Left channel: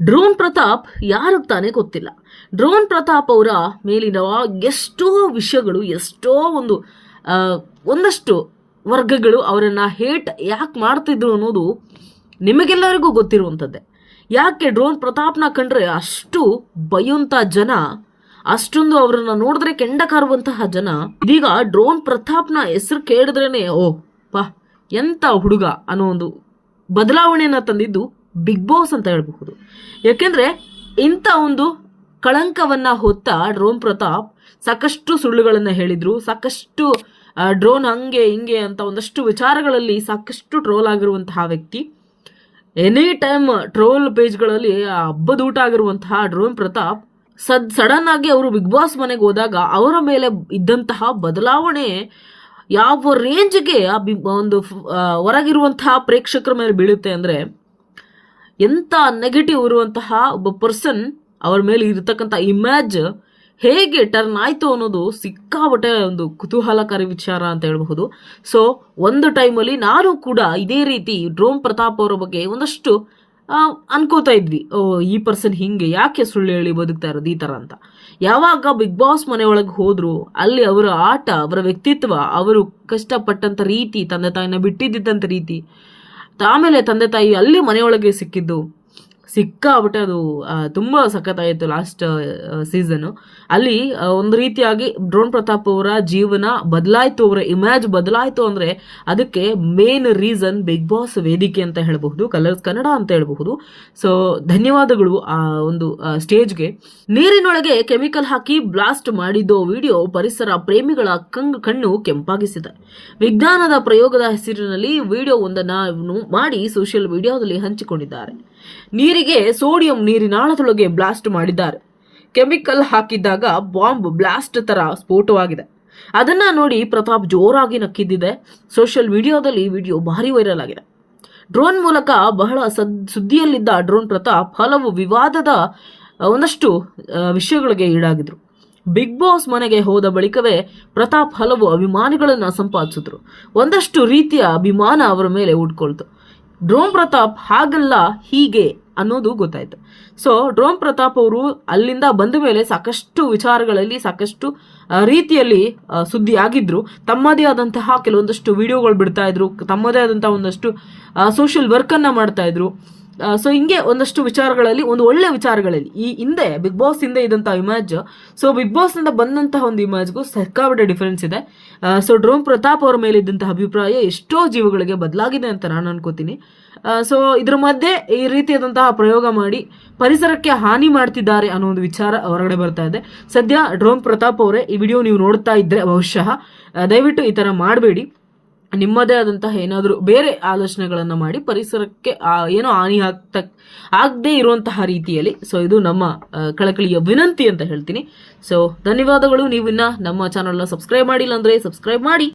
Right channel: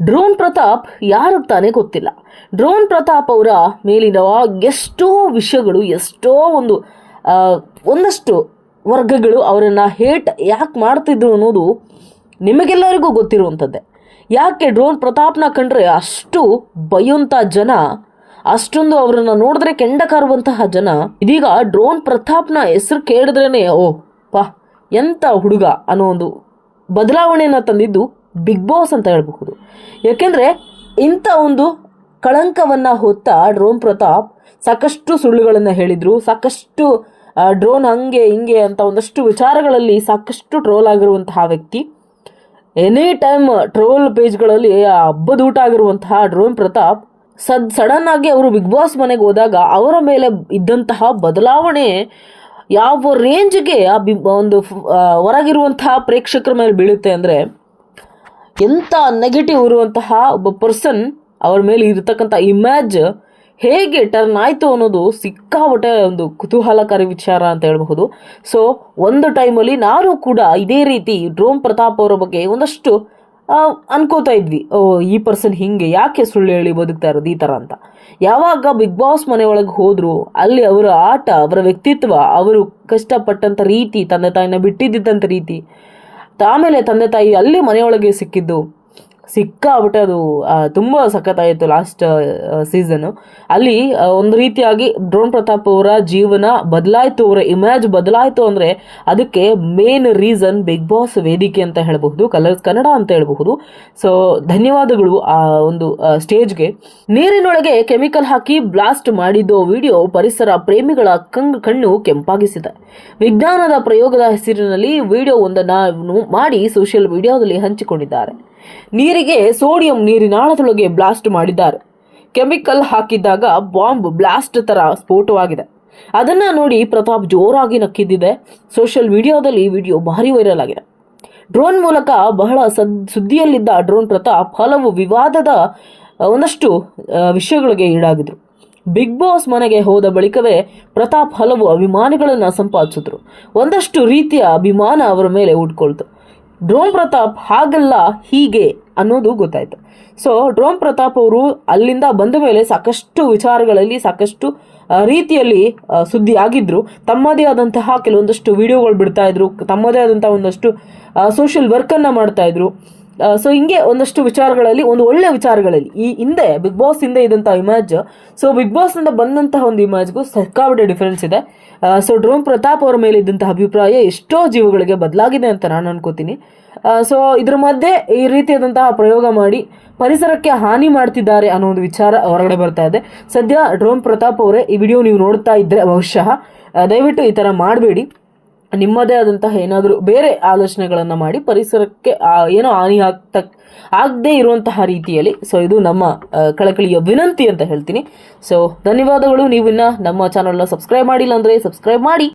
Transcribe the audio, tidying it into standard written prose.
Drone Pratap ಯಾರಿಗೆ ತಾನೇ ಗೊತ್ತಿಲ್ಲ. ಡ್ರೋನ್ ಪ್ರತಾಪ್ ಅವರ ಮೇಲಿನ ಎಷ್ಟೋ ವಿಷಯಗಳು, ಎಷ್ಟೋ ಒಂದಷ್ಟು ವರ್ಗಗಳು ಅವರನ್ನು ಹೇಟ್ ಯಾಕೆ ಮಾಡ್ತಿದ್ರು ಅನ್ನೋದು ನಿಮಗೆಲ್ಲರಿಗೂ ಗೊತ್ತಿರುವಂಥದ್ದೇ. ಯಾಕೆ ಡ್ರೋನ್ ಪ್ರತಾಪ್ನ ಕಂಡ್ರೆ ಅಷ್ಟು ಬೈಯುವಂಥ ಜನ, ಅಷ್ಟೊಂದು ಅವರನ್ನು ನೋಡಿದ್ರೆ ಕೆಂಡ ಕಾರುವಂತಹ ಜನ, ಇದೀಗ ಡ್ರೋನ್ ಪ್ರತಾಪ್ನ ಹೆಸರು ಕೇಳಿದ್ರೇ ಓ ಪಾ ಎಂಥ ಹುಡುಗ ಅನ್ನೋ ಒಂದು ಬದಲಾವಣೆಯನ್ನು ತಂದಿದ್ದು ಬಿಗ್ ಬಾಸ್ ಅಂತ ಹೇಳಬಹುದು. ಯಾಕೆಂದರೆ ಇಂಥ ಒಂದು ಕಳಂಕವನ್ನು ಹೊತ್ತ ಡ್ರೋನ್ ಪ್ರತಾಪ್ ಸಾಕಷ್ಟು ಸುಳ್ಳುಗಳನ್ನು ಹೇಳಿದರು, ಸಾಕಷ್ಟು ಡ್ರೋನ್ ಹಂಗೆ ಹಿಂಗೆ ಅಂತ ಒಂದಷ್ಟು ವಿಚಾರಗಳಲ್ಲಿ ಸಾಕಷ್ಟು ಟ್ರೋಲ್ ಆಗಿರುವಂತಹ ವ್ಯಕ್ತಿ. ಎನಿ ಟೈಮ್ ಟ್ರೋಲ್ ಪೇಜ್ಗಳಲ್ಲಿ ಹಬ್ಬದೂಟ ಆಗಿರುವಂತಹ ಡ್ರೋನ್ ಪ್ರತಾಪ್ ಸಡನ್ ಆಗಿ ಅವರು ಬಿಗ್ ಬಾಸ್ ಮನೆಗೆ ಹೋದಾಗ ಅವರ ಮೇಲೆ ಇದ್ದಂತಹ ಬದಲಾವಣೆ ಯಾವ ರೇಂಜ್ಗೆ ಹೊರಗಿರುವಂತಹ ಪ್ರೇಕ್ಷಕರ ಮೇಲೆ ಬೀಳುತ್ತೆ ಅಂದರೆ, ಎಂಥ ನೆಗೆಟಿವ್ ಇರುವಂತಹ ಒಬ್ಬ ಪರ್ಸನ್ ಅವ್ರ ಮೇಲೆ ಇರತಕ್ಕಂಥ ಇಮ್ಯಾಜ್ ಹೇಗೆ ಟರ್ನ್ ಆಯಿತು ಅನ್ನೋದು ಸಿಕ್ಕಾಬಟ್ಟೆ ಒಂದು ಕುತೂಹಲಕಾರಿ ವಿಚಾರ ಅಂತ ಹೇಳಬಹುದು. ಸೊ ಒಂದು ಟೈಮಲ್ಲಿ ನಾನು ಕೂಡ ಇದೇ ರೀತಿ ಡ್ರೋನ್ ಪ್ರತಾಪ್ ಅವರ ಬಗ್ಗೆ ಒಂದಷ್ಟು ಅನ್ಕೋತಾ ಇದ್ವಿ, ಈ ಪರ್ಸನ್ ಹಿಂಗೆ ಯಾಕೆ ಸುಳ್ಳು ಹೇಳಿ ಬದುಕ್ತಾ ಇರೋದು ಈ ಥರ ಅಂತ. ಯಾವಾಗ ಬಿಗ್ ಬಾಸ್ ಮನೆಯೊಳಗೆ ಹೋದ್ರು, ಅಲ್ಲಿ ಅವರ ಆಟ, ಅವರ ವ್ಯಕ್ತಿತ್ವ, ಅವರು ಕಷ್ಟಪಟ್ಟಂಥ ರೀತಿ, ತಂದೆ ತಾಯಿನ ಬಿಟ್ಟಿದ್ದಂಥ ರೀತಿ, ಆಮೇಲೆ ತಂದೆ ತಾಯಿ ಅಲ್ಲಿ ಮನೆಯೊಳಗೆ ಸಿಕ್ಕಾಬಿಟ್ಟೆ ಅದು ತುಂಬ ಸಖತ್ತಾಯಿತು. ಲಾಸ್ಟ್ ಸೀಸನ್ನು ಅಲ್ಲಿ ಒಂದು ರೀತಿಯಾಗಿ ಡ್ರೋನ್ ಪ್ರತಾಪ್ ಅವರ ಜೀವನ ಬದಲಾಯಿತು, ಅವರ ಇಮ್ಯಾಜ್ ಬದಲಾಯಿತು. ಅಂದರೆ ಅದಕ್ಕೆ ಮೇನ್ ರೀಸನ್ ಬಿಗ್ ಬಾಸ್ ವೇದಿಕೆ ಅಂತ ಹೇಳಬಹುದು, ಕಲರ್ಸ್ ಕನ್ನಡ ಅಂತ ಹೇಳಬಹುದು. ಸೊ ಧನ್ಯವಾದಗಳು ಆ ಒಂದು ಸ್ಟೇಜ್ಗೆ. ನೀರಿನೊಳಗೆ ಕೆಮಿಕಲ್ ಹಾಕಿ ಬ್ಲಾಸ್ಟ್ ಮಾಡಿದ್ದು ವಿಡಿಯೋ ಪರಿಸರ ಪ್ರೇಮಿಗಳ ಕಣ್ಣು ಕೆಂಪಾಗಿಸಿದೆ. ವಿಜ್ಞಾನದ ಪ್ರಯೋಗದ ಹೆಸರಿನಲ್ಲಿ ವಿಡಿಯೋ ಒಂದನ್ನು ಮಾಡಿ ಸೋಷಿಯಲ್ ಮೀಡಿಯಾದಲ್ಲಿ ಹಂಚಿಕೊಂಡಿದ್ದಾರೆ. ನೀರಿಗೆ ಸೋಡಿಯಂ ನೀರಿನಾಳದೊಳಗೆ ಬ್ಲಾಸ್ಟ್ ಮಾಡಿದ್ದಾರೆ. ಕೆಮಿಕಲ್ ಹಾಕಿದ್ದಾಗ ಬಾಂಬ್ ಬ್ಲಾಸ್ಟ್ ತರ ಸ್ಫೋಟವಾಗಿದೆ. ಅದನ್ನ ನೋಡಿ ಪ್ರತಾಪ್ ಜೋರಾಗಿ ನಕ್ಕಿದ್ದಿದೆ. ಸೋಷಿಯಲ್ ಮೀಡಿಯಾದಲ್ಲಿ ವಿಡಿಯೋ ಭಾರಿ ವೈರಲ್ ಆಗಿದೆ. ಡ್ರೋನ್ ಮೂಲಕ ಬಹಳ ಸುದ್ದಿಯಲ್ಲಿದ್ದ ಡ್ರೋನ್ ಪ್ರತಾಪ್ ಹಲವು ವಿವಾದದ ಒಂದಷ್ಟು ವಿಷಯಗಳಿಗೆ ಈಡಾಗಿದ್ರು. ಬಿಗ್ ಬಾಸ್ ಮನೆಗೆ ಹೋದ ಬಳಿಕವೇ ಪ್ರತಾಪ್ ಹಲವು ಅಭಿಮಾನಿಗಳನ್ನು ಸಂಪಾದಿಸಿದ್ರು. ಒಂದಷ್ಟು ರೀತಿಯ ಅಭಿಮಾನ ಅವರ ಮೇಲೆ ಉಟ್ಕೊಳ್ತು. ಡ್ರೋನ್ ಪ್ರತಾಪ್ ಹಾಗಲ್ಲ ಹೀಗೆ ಅನ್ನೋದು ಗೊತ್ತಾಯಿತು. ಸೊ ಡ್ರೋನ್ ಪ್ರತಾಪ್ ಅವರು ಅಲ್ಲಿಂದ ಬಂದ ಮೇಲೆ ಸಾಕಷ್ಟು ವಿಚಾರಗಳಲ್ಲಿ ಸಾಕಷ್ಟು ರೀತಿಯಲ್ಲಿ ಸುದ್ದಿ ಆಗಿದ್ರು. ತಮ್ಮದೇ ಆದಂತಹ ಕೆಲವೊಂದಷ್ಟು ವಿಡಿಯೋಗಳು ಬಿಡ್ತಾ ಇದ್ರು, ತಮ್ಮದೇ ಆದಂತಹ ಒಂದಷ್ಟು ಸೋಷಿಯಲ್ ವರ್ಕನ್ನು ಮಾಡ್ತಾ ಇದ್ರು. ಸೊ ಹಿಂಗೆ ಒಂದಷ್ಟು ವಿಚಾರಗಳಲ್ಲಿ, ಒಂದು ಒಳ್ಳೆ ವಿಚಾರಗಳಲ್ಲಿ ಈ ಹಿಂದೆ ಬಿಗ್ ಬಾಸ್ ಹಿಂದೆ ಇದ್ದಂಥ ಇಮ್ಯಾಜ್, ಸೊ ಬಿಗ್ ಬಾಸ್ನಿಂದ ಬಂದಂತಹ ಒಂದು ಇಮ್ಯಾಜ್ಗೂ ಸಿಕ್ಕಾಪಟ್ಟೆ ಡಿಫರೆನ್ಸ್ ಇದೆ. ಸೊ ಡ್ರೋನ್ ಪ್ರತಾಪ್ ಅವರ ಮೇಲೆ ಇದ್ದಂತಹ ಅಭಿಪ್ರಾಯ ಎಷ್ಟೋ ಜೀವಗಳಿಗೆ ಬದಲಾಗಿದೆ ಅಂತ ನಾನು ಅನ್ಕೋತೀನಿ. ಸೊ ಇದ್ರ ಮಧ್ಯೆ ಈ ರೀತಿಯಾದಂತಹ ಪ್ರಯೋಗ ಮಾಡಿ ಪರಿಸರಕ್ಕೆ ಹಾನಿ ಮಾಡ್ತಿದ್ದಾರೆ ಅನ್ನೋ ಒಂದು ವಿಚಾರ ಹೊರಗಡೆ ಬರ್ತಾ ಇದೆ. ಸದ್ಯ ಡ್ರೋನ್ ಪ್ರತಾಪ್ ಅವರೇ, ಈ ವಿಡಿಯೋ ನೀವು ನೋಡ್ತಾ ಇದ್ರೆ ಬಹುಶಃ ದಯವಿಟ್ಟು ಈ ಥರ ಮಾಡಬೇಡಿ. ನಿಮ್ಮದೇ ಆದಂತಹ ಏನಾದರೂ ಬೇರೆ ಆಲೋಚನೆಗಳನ್ನು ಮಾಡಿ ಪರಿಸರಕ್ಕೆ ಏನೋ ಹಾನಿ ಆಗದೇ ಇರುವಂತಹ ರೀತಿಯಲ್ಲಿ. ಸೊ ಇದು ನಮ್ಮ ಕಳಕಳಿಯ ವಿನಂತಿ ಅಂತ ಹೇಳ್ತೀನಿ. ಸೊ ಧನ್ಯವಾದಗಳು. ನೀವಿನ್ನ ನಮ್ಮ ಚಾನಲ್ನ ಸಬ್ಸ್ಕ್ರೈಬ್ ಮಾಡಿಲ್ಲ ಅಂದರೆ ಸಬ್ಸ್ಕ್ರೈಬ್ ಮಾಡಿ.